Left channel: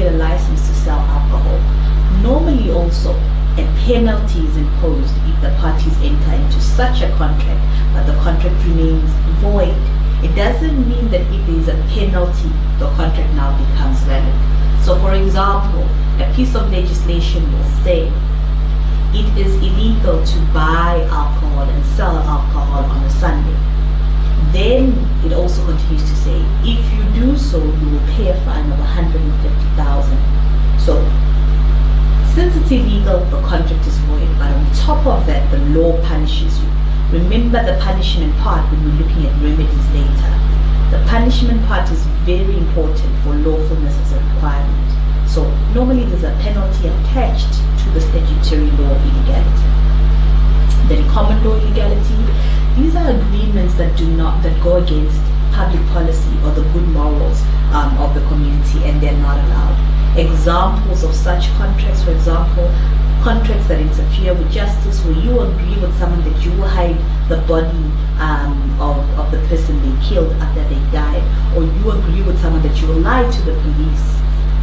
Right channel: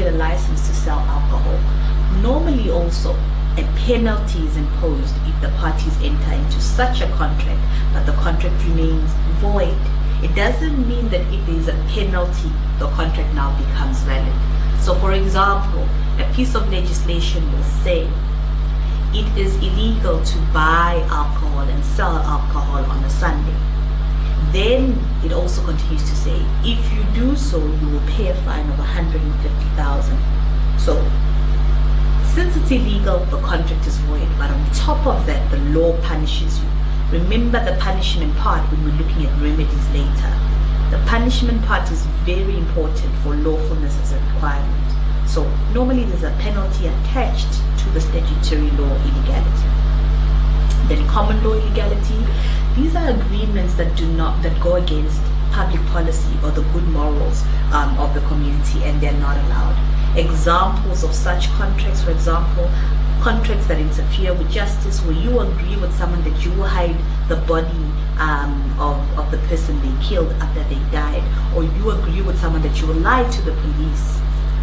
get a license to sell alcohol. Normally also, a penalty is imposed if the parties enter into such a contract, but the contract remains void. It doesn't mean that if there is a penalty, the contract now becomes valid. So for example, a piece of legislation will say it is illegal to buy alcohol and sell alcohol on a Sunday. Then it also continues to say, if you do so, you will pay a fine of 150,000. So since it's illegal, the contract is void, but on top of that, the law punishes you. Remember the punishment part when we're looking at remedies later. The punishment part is very important for lawfulness as a requirement. So normally there's a penalty attached to the statutory law illegality. Then common law illegality, these are agreements that go against public policy or the good morals of the community, and they're not allowed. Examples of such contracts, for example, contracts that interfere with justice, where you agree with someone that you will hide the body of the person they killed after they died, or you agree with someone that you will lie to the police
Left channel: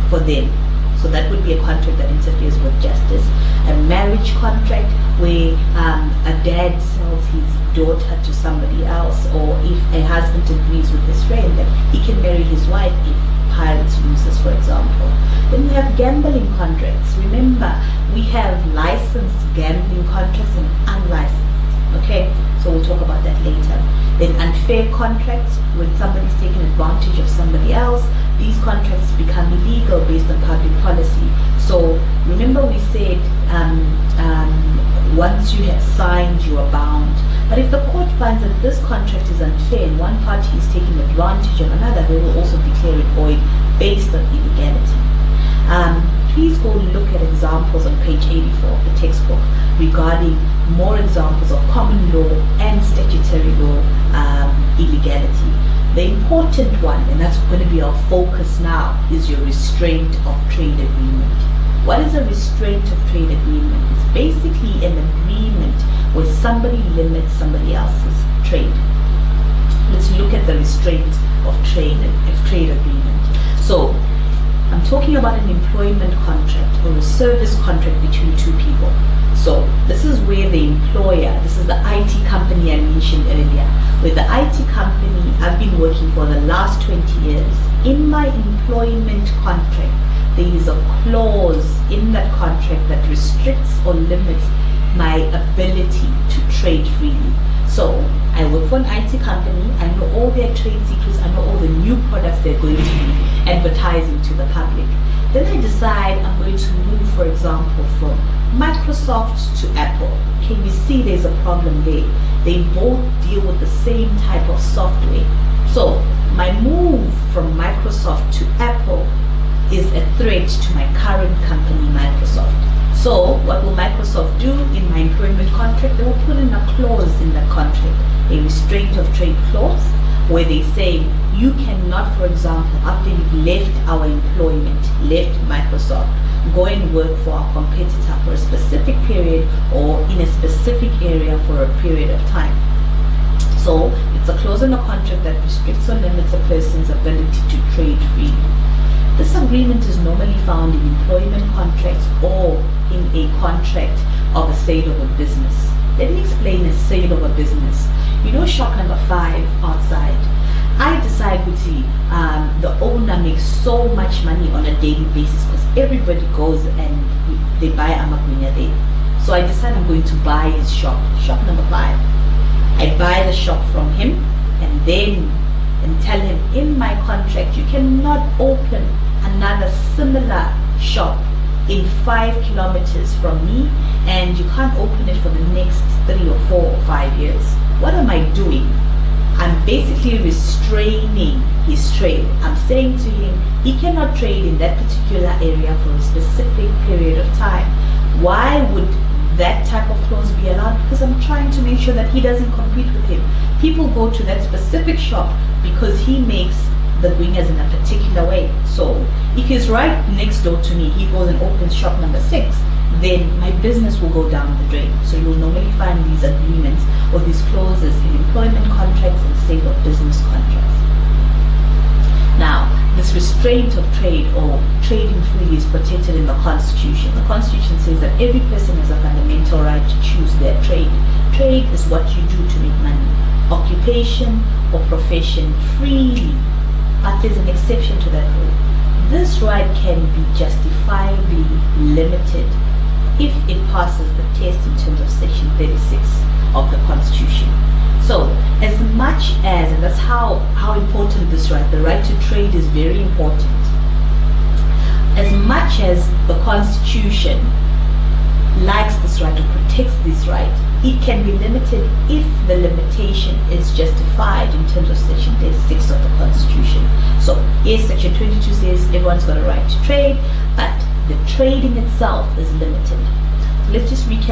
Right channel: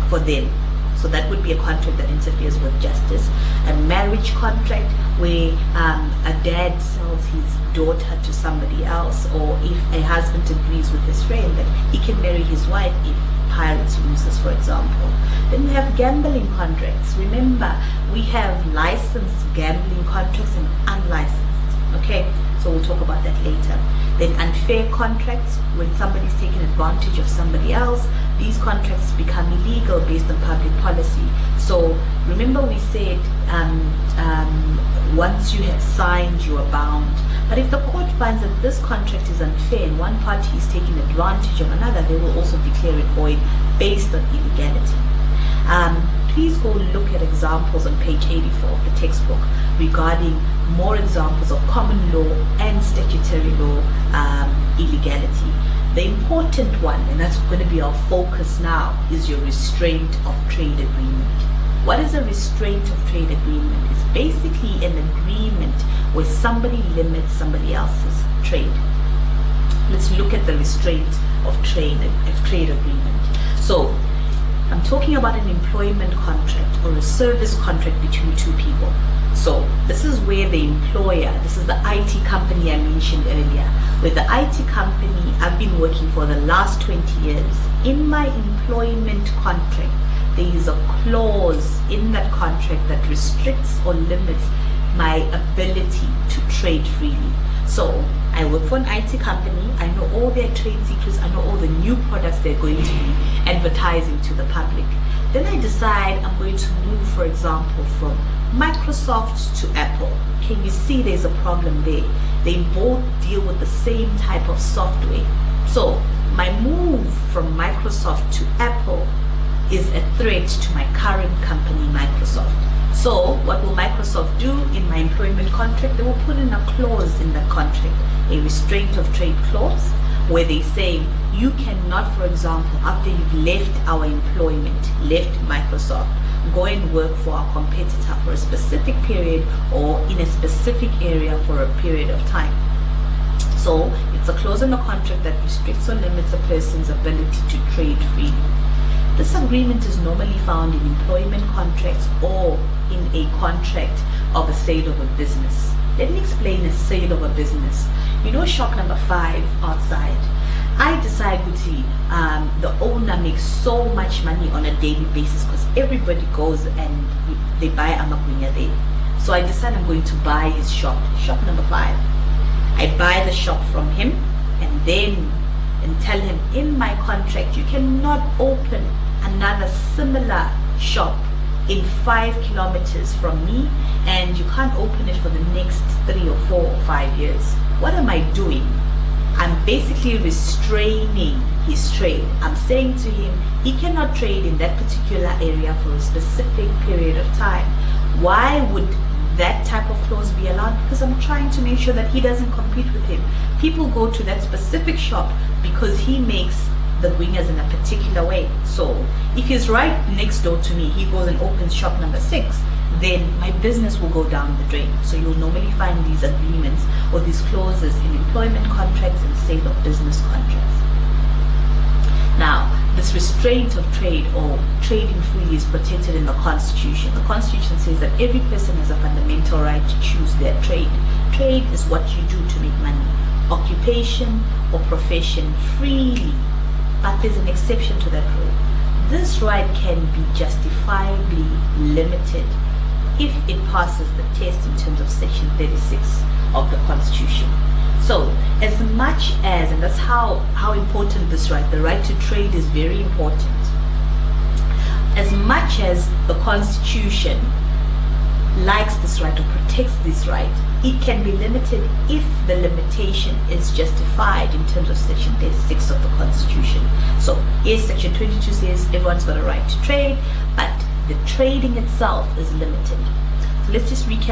for them. So that would be a contract that interferes with justice. A marriage contract where a dad sells his daughter to somebody else, or if a husband agrees with his friend that he can marry his wife if Pirates loses, for example. Then we have gambling contracts. Remember, we have licensed gambling contracts and unlicensed. Okay, so we'll talk about that later. Then unfair contracts, when somebody's taking advantage of somebody else, these contracts become illegal based on public policy. So remember we said once you have signed, you are bound. But if the court finds that this contract is unfair and one party is taking advantage of another, they will also declare it void based on illegality. Please go look at examples on page 84 of the textbook regarding more examples of common law and statutory law illegality. The important one, and that's going to be our focus now, is your restraint of trade agreement. What is a restraint of trade agreement? It's basically an agreement where somebody limits somebody else's trade. Let's look at the restraint of trade agreement. So I'm talking about an employment contract or a service contract between two people. So this is where the employer, this is the IT company I mentioned earlier, where the IT company I've been working for the last 20 years. In my employment contract, there is a clause in that contract that restricts or limits my ability to trade freely. So I work for an IT company, I know all their trade secrets, I know all the new products they're going to be advertising to the public. Then I decide I'm going to move, for example, from Microsoft to Apple. Can you see there's a problem there? They both deal with the same type of software. So my move from Microsoft to Apple is a threat to my current company, Microsoft. So what will Microsoft do in my employment contract? They will put in a clause in that contract, a restraint of trade clause, where they say you cannot, for example, after you've left our employment, left Microsoft, go and work for our competitor for a specific period or in a specific area for a period of time. So it's a clause in the contract that restricts or limits a person's ability to trade freely. This agreement is normally found in employment contracts or in a contract of a sale of a business. Let me explain a sale of a business. You know shop number 5 outside. I decide the owner makes so much money on a daily basis because everybody goes and they buy amagunya there. So I decide I'm going to buy his shop number 5. I buy the shop from him and tell him in my contract you cannot open another similar shop in 5 kilometers from me, and you can't open it for the next 3 or 4 or 5 years. What am I doing? I'm basically restraining his trade. I'm saying to him, he cannot trade in that particular area for a specific period of time. Why would that type of clause be allowed? Because I'm trying to make sure that he doesn't compete with him. People go to that specific shop because he makes the wingers in a particular way. So if he's right next door to me, he goes and opens shop number 6, then my business will go down the drain. So you'll normally find these agreements or these clauses in employment contracts and sale of business contracts. Now, this restraint of trade or trading freely is protected in the Constitution. The Constitution says that every person has a fundamental right to choose their trade. Trade is what you do to make money. Occupation or profession freely. But there's an exception to that rule. This right can be justifiably limited if it passes the test in terms of Section 36 of the Constitution. So, as much as, and that's how important this right, the right to trade is very important. As much as the Constitution likes this right or protects this right, it can be limited if the limitation is justified in terms of Section 36 of the Constitution. So, yes, Section 22 says everyone's got a right to trade, but the trading itself is limited. So let's just recap.